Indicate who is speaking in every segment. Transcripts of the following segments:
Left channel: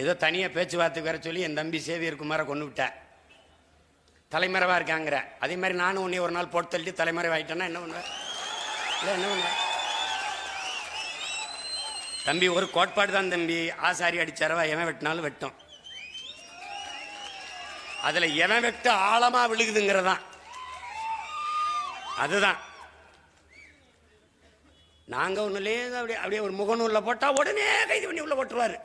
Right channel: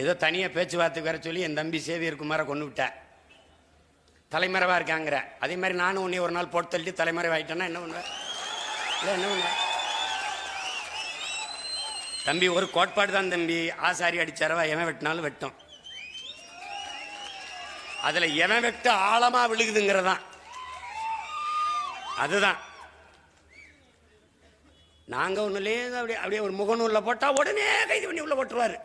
Speaker 1: ஏதோ தனியாக பேச்சுவார்த்தைக்கு வர சொல்லி என் தம்பி சேவியர் குமாரை கொண்டு விட்டேன் தலைமறைவாக இருக்காங்கிற. அதே மாதிரி நானும் உன்னை ஒரு நாள் போட்டு தள்ளி தலைமறைவாயிட்டேன்னா என்ன பண்ணுவேன் இல்லை என்ன பண்ணுவேன் தம்பி ஒரு கோட்பாடு தான் தம்பி. ஆசாரி அடிச்சாரவா எவன் வெட்டினாலும் வெட்டும். அதில் எவன் வெட்டு ஆழமாக விழுகுதுங்கிறதான். அதுதான். நாங்கள் ஒன்றுலேருந்து லேசாக அப்படியே அப்படியே ஒரு முகநூலில் போட்டால் உடனே கைது பண்ணி உள்ளே போட்டுருவார்.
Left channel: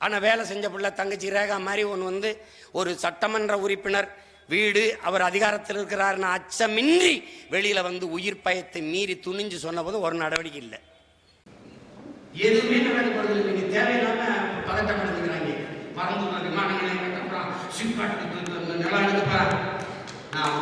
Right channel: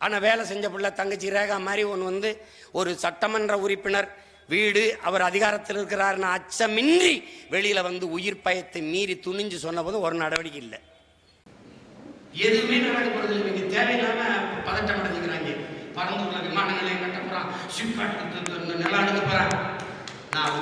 Speaker 1: ஆனால் வேலை செஞ்ச பிள்ளை தங்கச்சி ரேகா மாதிரி ஒன்று வந்து ஒரு சட்டமன்ற உறுப்பினர். வீடு அவர் அதிகாரத்தில் இருக்கிறாருன்னு அச்சமின்றி வெளியில் வந்து உயிர் பயத்தை மீறி துணிஞ்சு சொன்னபோது ஒரு நடவடிக்கை இல்லை. எதுவுமே நடக்கப்படுறது தேவையில்லாம பதட்டப்படுத்துகிறாங்க பரம்பூர்ல விமான நிலையம் கட்டப்படுறான் சிப்காட் கொடுத்து அந்த நிலம் எடுக்கப்பா நான்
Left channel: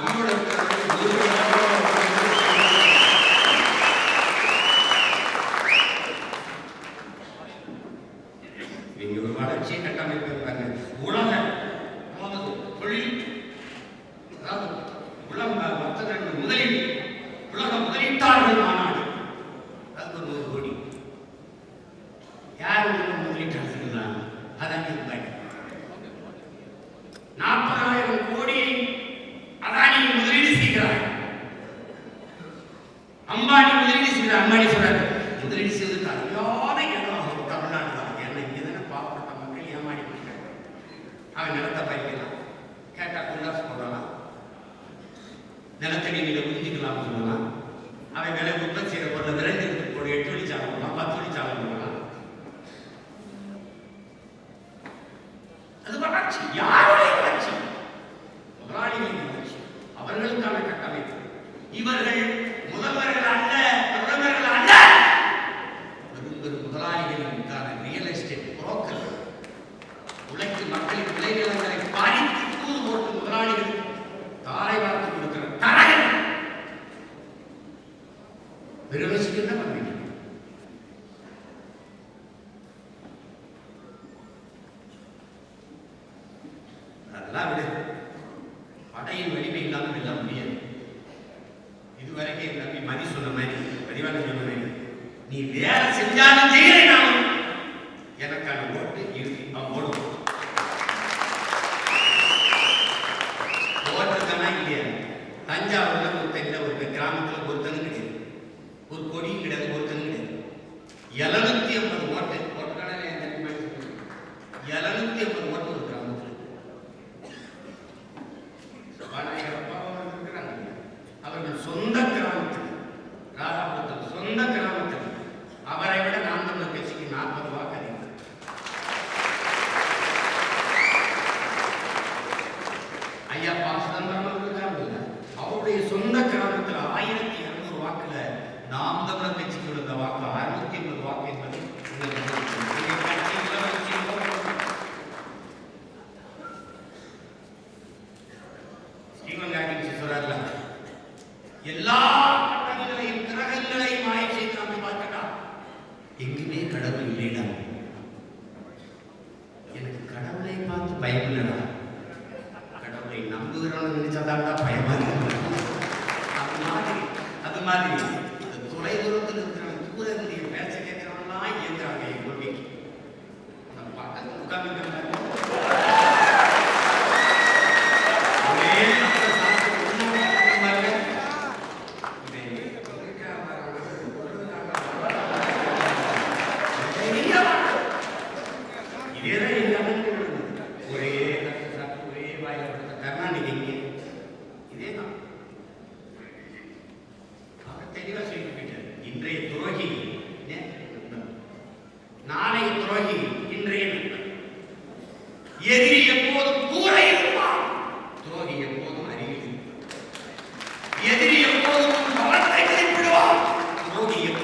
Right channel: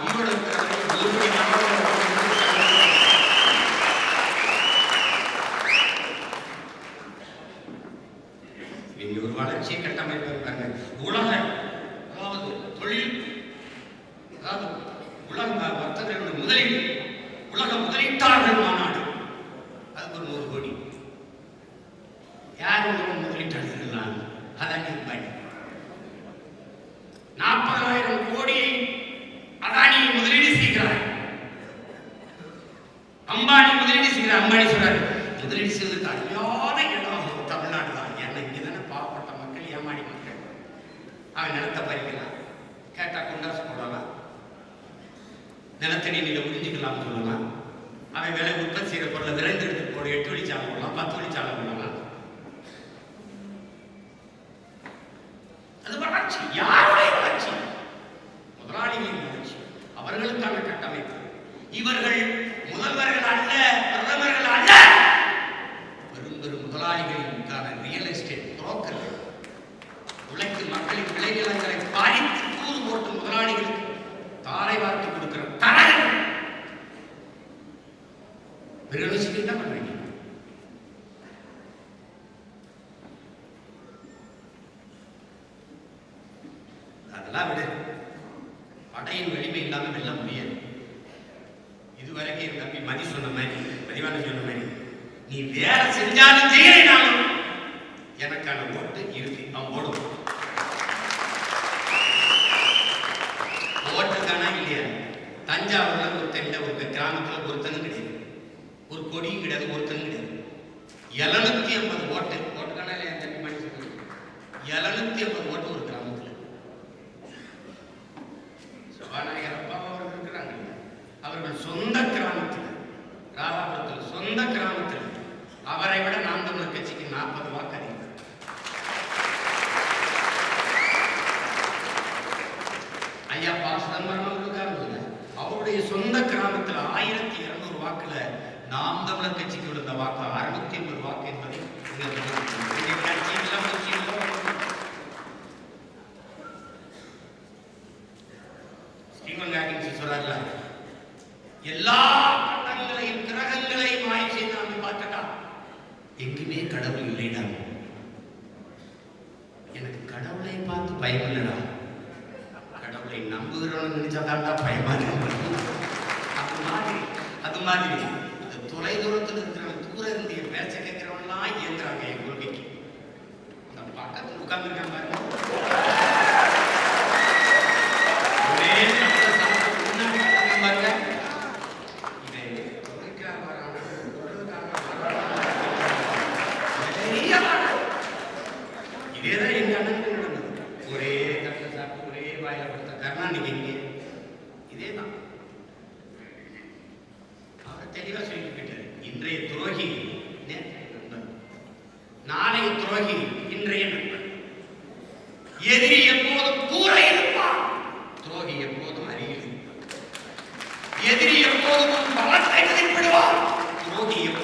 Speaker 1: யார் உலக முதலீட்டாளர்கள் தான் அதானி அம்பானி நாற்பதாயிரம் கோடி அதானி முதலீடு செய்கிறார் அம்பானி முதலீடு செய்கிறார் அம்பானி சொல்றாரு முதலீடு செய்வதற்கு அழியாத இடம் தமிழ்நாடு தான் ஏன்னா இங்கே தானே பாவப்பட்ட மக்கள் ஏமாடி மக்கள் அவன் நிலத்தை பறிக்கிறான் கேட்டா கொண்டாசு போடலாம்? நிலத்தடி நீங்க புரிஞ்சுக்கலாம் சொல்லலாம் அவன் விலை உற்பத்தி அது யாருடைய வளர்ச்சி முதலாளிகளின் வளர்ச்சி அவர்களுக்கான கட்டமைப்பு. இவர்கள் முதல்வர்கள் அதெல்லாம் விடு படையின் வலிமை இல்லாமல் வெல்ல முடியாது. இதுவரைக்கும் எங்க தம்பி மதி சொன்ன மாதிரி பதிவான சொன்ன மாதிரி நீ வேலை செஞ்சாலும் செய்யலைனாலும் எனக்கான ஓட்டு இறுதி. நான் ஓடும். ஓட்டு இல்லையா? தஞ்சாவூர்ல ஒருத்தங்க ஒரு கிராமத்தில் ஒருத்தனும் கிடையாது. ஒரு கொடியும் கிடையாது ஒருத்தனும் கிடையாது. எழுநூத்தி ஐம்பது ஓட்டு. ஓட்டுக்கான எழுநூத்தி ஐம்பது ஓட்டு ஒரு கிராமத்துல சபாநாயகர் அப்பா அவர்கள் இருக்கிறாங்க அவர்கள் சொந்த கிராமத்தில் ராதாபுரத்தில் சொந்த கிராமத்தில் அவரை விட நாம் தமிழர் கட்சிக்கு நாற்பது வாக்கு அதிகம் ஐயா பா சிதம்பரம் இருக்காங்க அவருடைய சொந்த கிராமத்தில் ஆயிரத்தி இருநூறு வாக்குல நாம் தமிழர் கட்சிக்கு விழுந்த வாக்கு அறுநூத்தி ஐம்பது வாக்கு என்பதை சொல்றாருல எல்லா கட்டங்களையும் கிரகங்களையும் ஆய்வு செய்து நம்ம பார்த்துட்டா எங்குமே கடவுள் இல்லைடா. மாதிரி இந்த தொலை தூரத்தில் இருக்கிற தூர இருந்து என் பேச்ச கேட்கிறவன்லாம் இயங்குறாங்க என் கொள்கைக்கு. நம்ம பக்கத்தில் உட்கார்ந்து மாதிரி அருகில் இருப்பான். எதிரி எப்போதும் பலத்தை மதிப்பிடுவான் துரோகி எப்போதும்